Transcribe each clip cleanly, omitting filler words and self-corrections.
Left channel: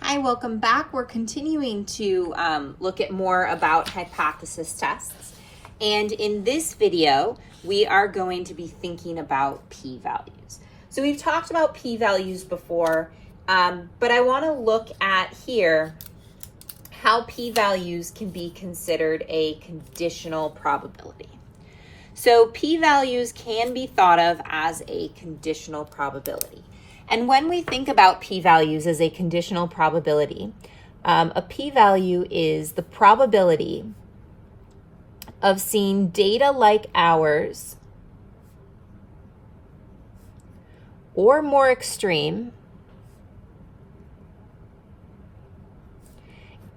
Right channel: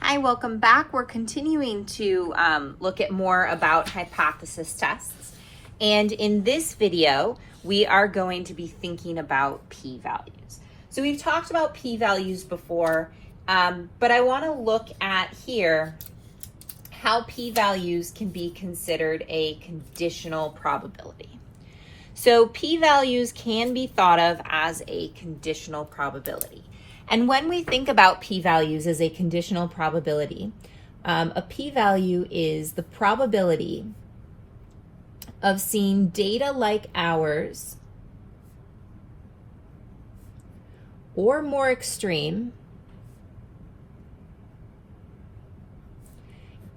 Hi, welcome back. We're continuing to look at more about hypothesis tests. And in this video, we are going to be thinking about p-values. So we've talked about p-values before, but I want to look at here how p-values can be considered a conditional probability. So p-values can be thought of as a conditional probability. And when we think about p-values as a conditional probability, a p-value is the probability of seeing data like ours or more extreme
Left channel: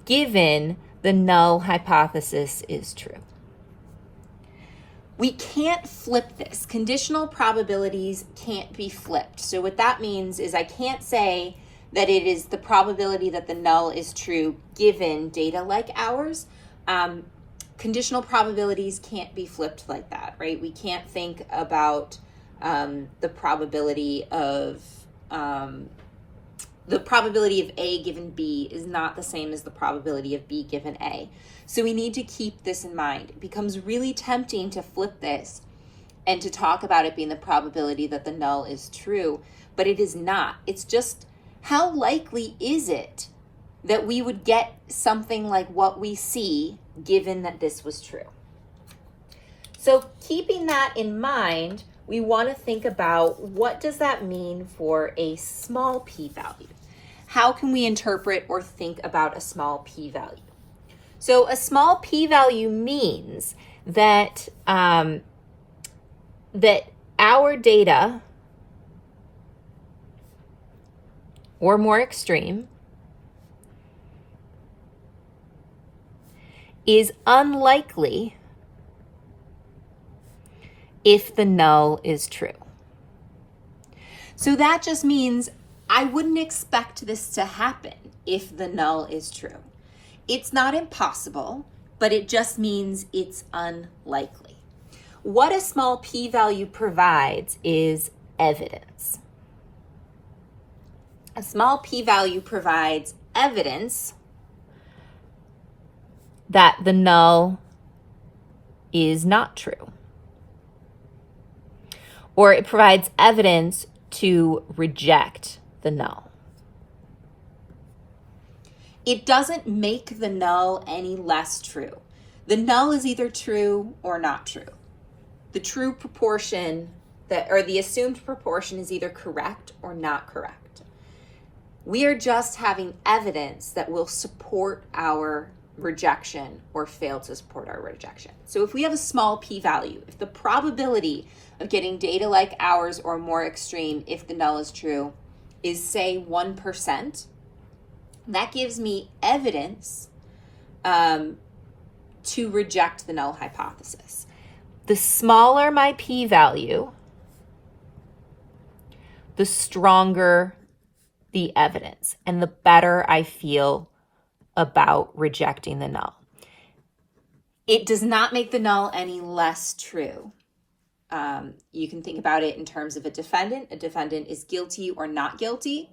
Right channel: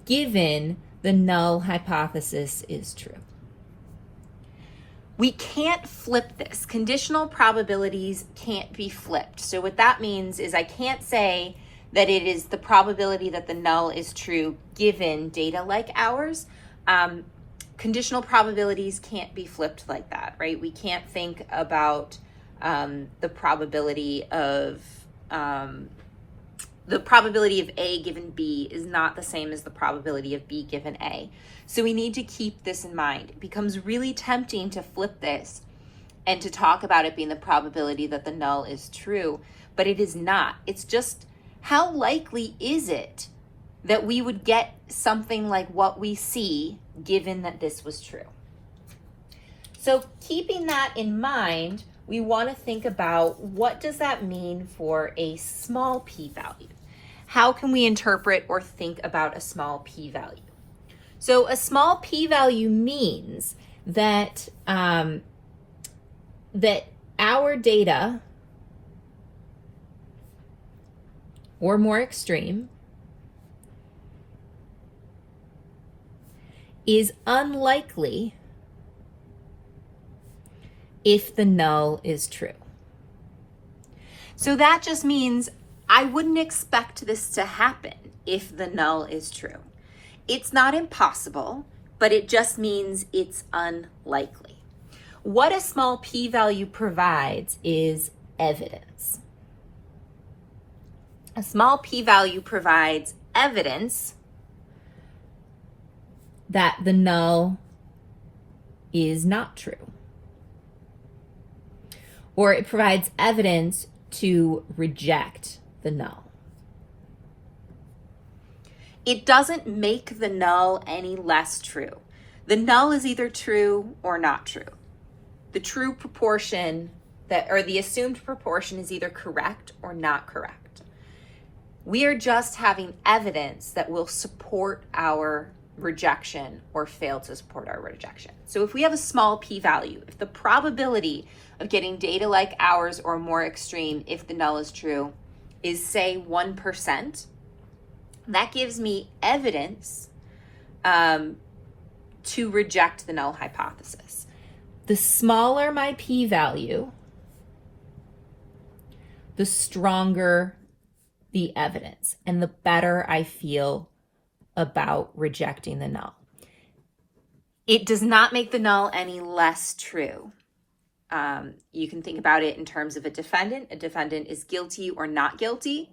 given the null hypothesis is true. We can't flip this. Conditional probabilities can't be flipped. So what that means is I can't say that it is the probability that the null is true given data like ours. Conditional probabilities can't be flipped like that, right? We can't think about the probability of A given B is not the same as the probability of B given A. So we need to keep this in mind. It becomes really tempting to flip this and to talk about it being the probability that the null is true, but it is not. It's just how likely is it that we would get something like what we see given that this was true? So keeping that in mind, we want to think about what does that mean for a small p-value? How can we interpret or think about a small p-value? So a small p-value means that that our data or more extreme is unlikely if the null is true. So that just means I wouldn't expect this to happen if the null is true. It's not impossible, but it just means it's unlikely. What a small p-value provides is evidence. A small p-value provides evidence that the null is not true. Or it provides evidence to reject the null. It doesn't make the null any less true. The null is either true or not true. The true proportion or the assumed proportion is either correct or not correct. We are just having evidence that will support our rejection or fail to support our rejection. So if we have a small p-value, if the probability of getting data like ours or more extreme if the null is true is say 1%, that gives me evidence to reject the null hypothesis. The smaller my p-value, the stronger the evidence and the better I feel about rejecting the null. It does not make the null any less true. You can think about it in terms of a defendant. A defendant is guilty or not guilty.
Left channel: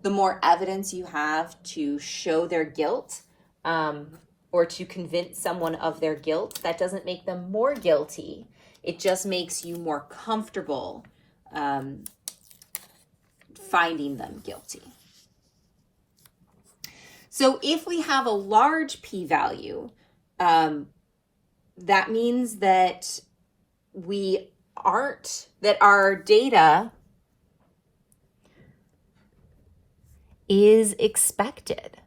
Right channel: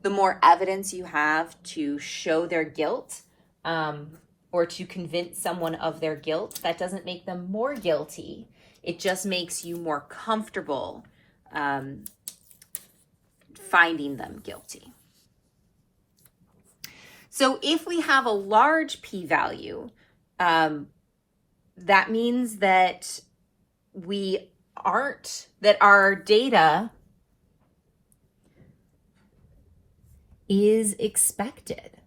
The more evidence you have to show their guilt or to convince someone of their guilt, that doesn't make them more guilty. It just makes you more comfortable finding them guilty. So if we have a large p-value, that means that our data is expected.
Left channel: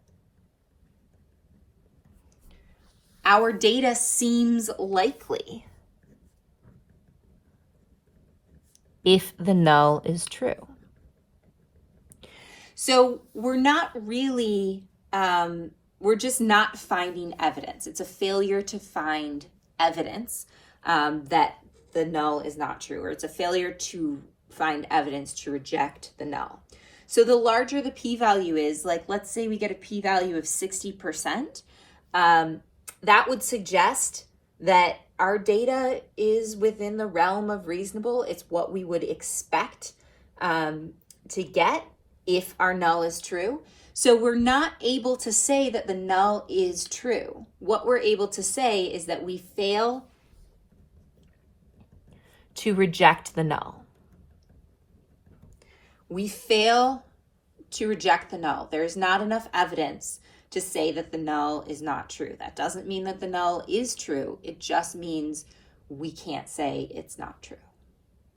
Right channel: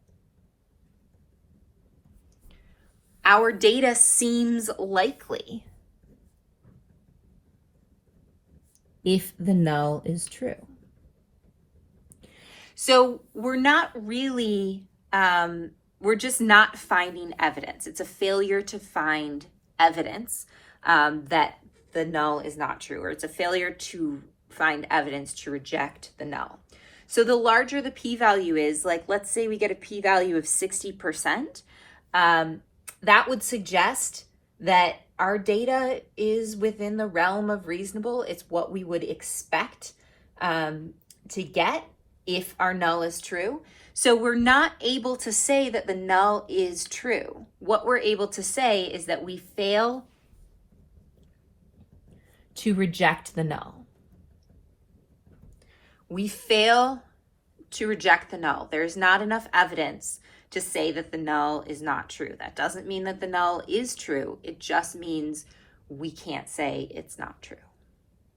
Our data seems likely if the null is true. So we're not really, we're just not finding evidence. It's a failure to find evidence that the null is not true, or it's a failure to find evidence to reject the null. So the larger the p-value is, like let's say we get a p-value of 60%, that would suggest that our data is within the realm of reasonable. It's what we would expect to get if our null is true. So we're not able to say that the null is true. What we're able to say is that we fail to reject the null. We fail to reject the null. There's not enough evidence to say that the null is not true. That doesn't mean that the null is true. It just means we can't say it's not true.